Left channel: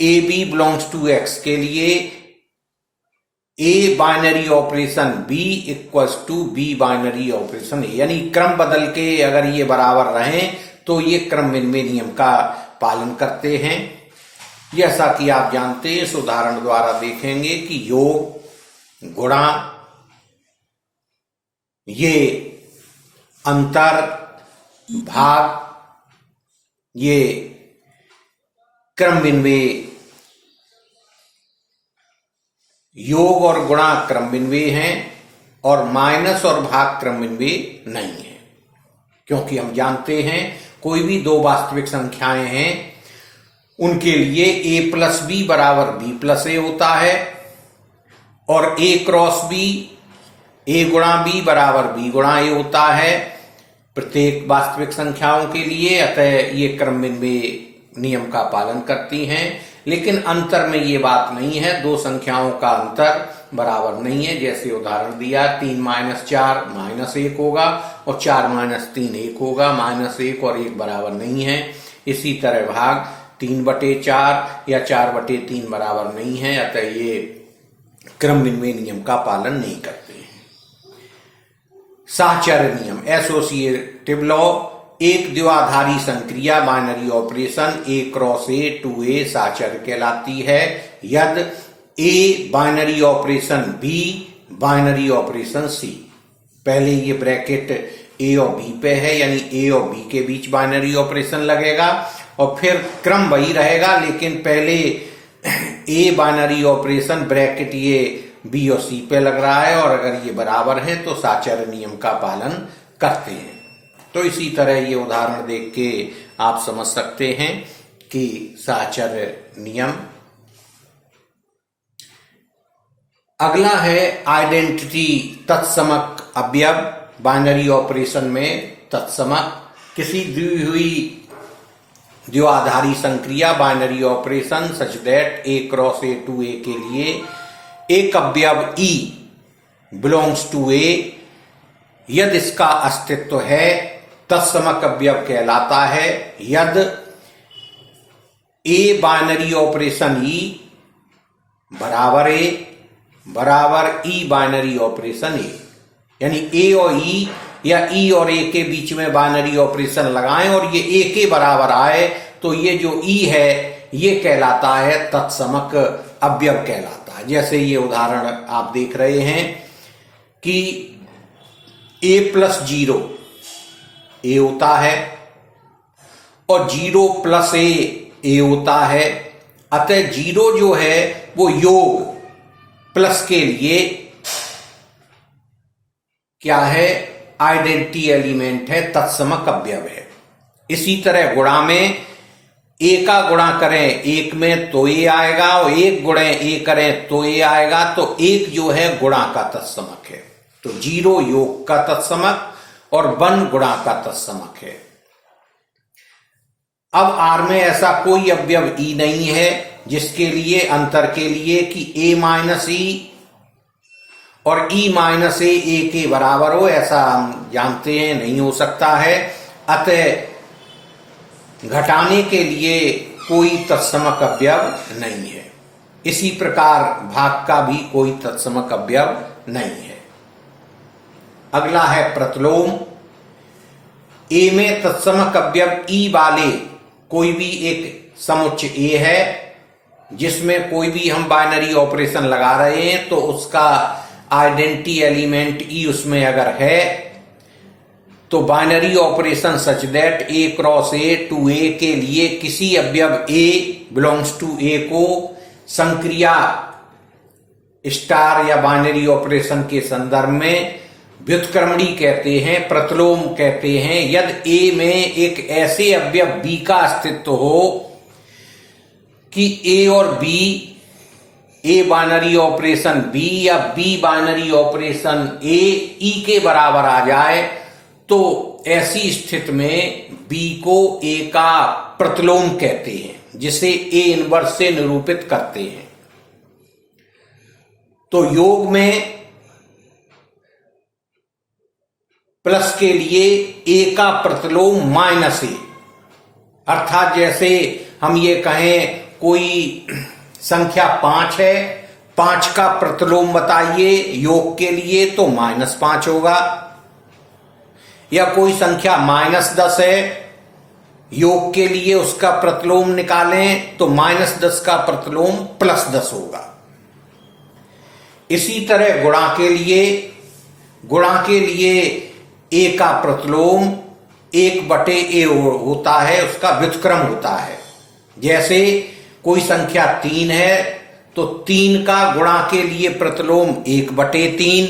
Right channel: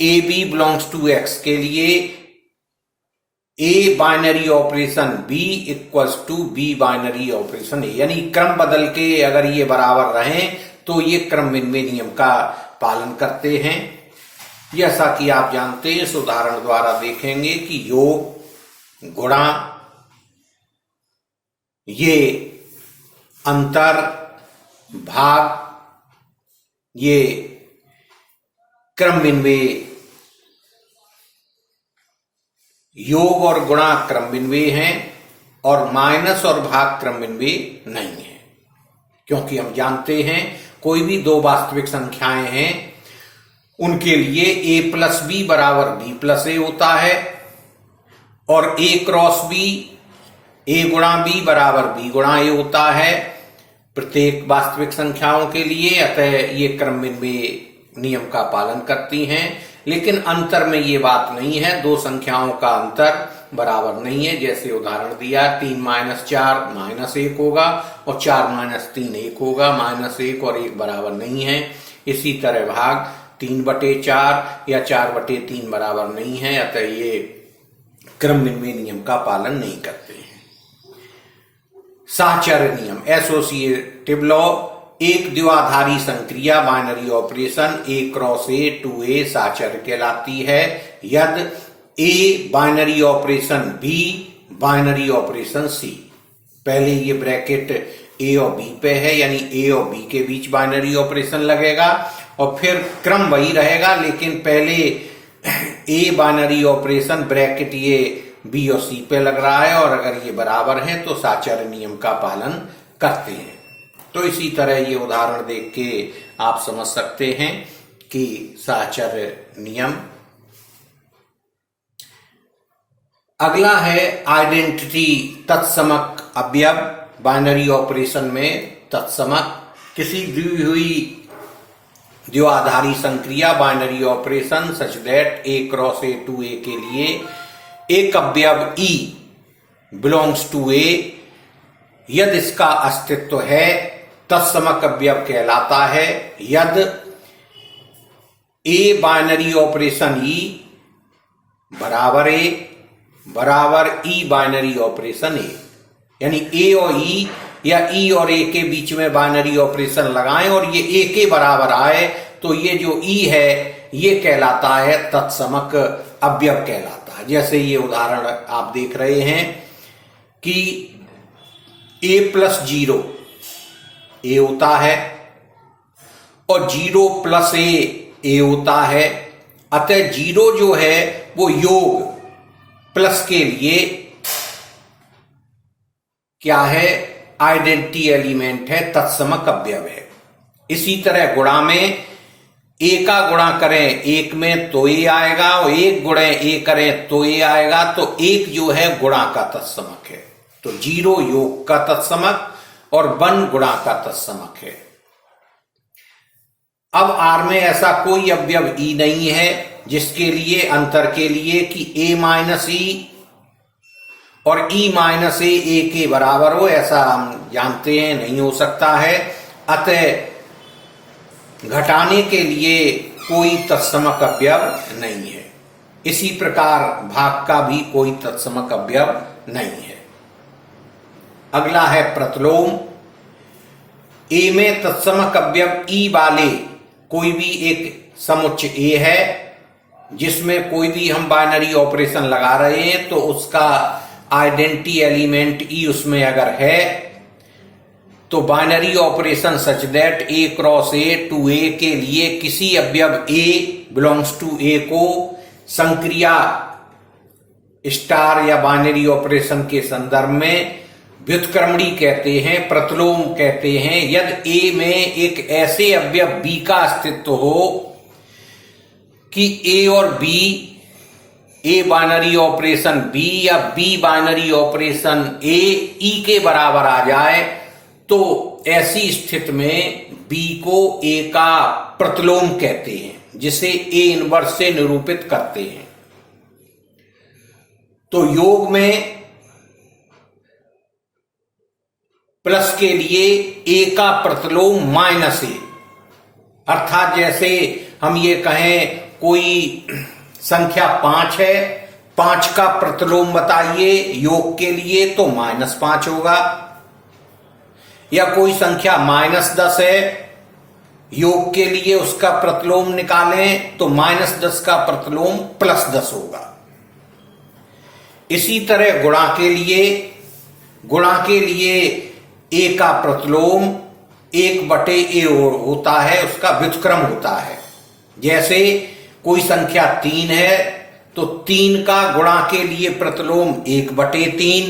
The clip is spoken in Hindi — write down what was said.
A B belongs to X के लिए A binary operation B equals to B binary operation A, यानी क्रम बदल के अगर ये बराबर रहें तो ये क्रम विनिमय नियम का पालन करते हैं। जैसा कि आप जानते हैं, इस उदाहरण द्वारा देखेंगे कि योग गुणा ये अंतर भाग ये क्रम विनिमय, योग और गुणा क्रम विनिमय हैं और माइनस और भाग क्रम विनिमय नहीं है, क्योंकि हम जानते हैं कोई भी दो वास्तविक संख्याएं हैं उनके लिए a प्लस बी बराबर b प्लस ए होता है और a क्रॉस बी a गुणा b बराबर b गुणा a होता है प्रत्येक वास्तविक संख्याओं के लिए। अतः ये क्रम विनिमय नियम का पालन करती हैं, लेकिन अंतर में ये बात नहीं है, दो संख्याओं का अंतर बराबर नहीं है। जैसे उदाहरण दिया 3 माइनस 4 माइनस 1 होगा और 4 माइनस 3 1 होगा, माइनस 1 और 1 बराबर नहीं है। इसी तरह भाग 3/4 या 4/3 बराबर नहीं है, अतः ये क्रम विनिमय नियम का पालन नहीं करते हैं। साहचर्य नियम एसोसिएटिव लॉ, एक द्विआधारी संक्रिया binary operation A cross A to A साहचर्य कहलाती है यदि A binary operation B binary operation C. पहले ये ब्रैकेट ए और बी पे है, यानी ए और बी के बीच बाइनरी ऑपरेशन लगेगा और फिर क्रम वही रहेगा, लेकिन पहले ए बाइनरी ऑपरेशन ब्रैकेट ये बी और सी पे लग रहा है और अगर ये बराबर है तो साहचर्य नियम का पालन करते हैं। तो इसी तरह ये उदाहरण देख के आप समझ सकते हैं कि साहचर्य नियम। अगला है आइडेंटिटी तत्समक अवयव बाइनरी ऑपरेशन में। तत्समक किसी दी हुई द्विआधारी संक्रिया binary operation such that A cross A to A के लिए एक अवयव ई बिलोंग्स टू ए, यदि इसका अस्तित्व है तत्समक अवयव कहलाता है यदि ए बाइनरी ऑपरेशन ई बराबर ए बराबर ई बाइनरी ऑपरेशन ए, यानी ए और ई या ई और ए के बीच में बाइनरी ऑपरेशन लगाएं और ये ए के बराबर आए तो ये जो ई है ये कहलाता है तत्समक अवयव कहलाता है। जैसे ये उदाहरण आप देख रहे हैं कि a प्लस 0 ए होता है और 0 प्लस ए होता है, अतः 0 जो है वो योग प्लस के लिए क्या है, आइडेंटिटी एलिमेंट है, तत्समक अवयव है। इसी तरह गुणा में ए का गुणा करें एक में तो ए आएगा और एक गुणे ए करें तो ए आएगा, तो एक जो है गुणा का तत्समक है। तो 0 योग का तत्समक और 1 गुणा का तत्समक है। अब आर में ऐसा कोई अवयव ई नहीं है जिसके लिए अंतर के लिए कि ए माइनस ई और ई माइनस ए के बराबर हो, ऐसा हम जानते हैं नहीं हो सकता है। अतः घटाने के लिए कोई तत्समक अवयव नहीं है। इसी प्रकार भाग का भी कोई तत्समक अवयव नहीं है। अगला है प्रतिलोम। ए में तत्समक अवयव ई वाले कोई भी एक समुच्चय ए है जिसमें कोई भी हम बाइनरी ऑपरेशन लगा रहे हैं तो उसका आइडेंटिटी एलिमेंट ई उसमें अगर है तो binary operation such that A cross A to A के लिए किसी अवयव ए बिलोंग्स टू ए को संक्रिया स्टार या बाइनरी ऑपरेशन के संदर्भ में व्युत्क्रमणी कहते हैं, प्रतिलोम कहते हैं। यदि ए में एक ऐसे अवयव बी का अस्तित्व हो कि ए और B, A binary operation B या B binary operation A E के बराबर आ जाए, तो ऐसी स्थिति में बी को ए का प्रतिलोम कहते हैं, जिसे ए इनवर्स से निरूपित करते हैं। तो योग में प्लस के लिए ए का प्रतिलोम माइनस ए, अर्थात जैसे हम ये कहें कोई संख्या 5 है, 5 का प्रतिलोम बताइए योग के लिए, तो -5 होगा। या कोई संख्या -10 है, योग के लिए उसका प्रतिलोम निकालें तो -10 का प्रतिलोम +10 होगा। इसी तरह गुणा के लिए a का प्रतिलोम 1/a होता है, उसका व्युत्क्रम होता है। जैसे कोई संख्या 3 है तो 3 का गुणा के लिए प्रतिलोम 1/3,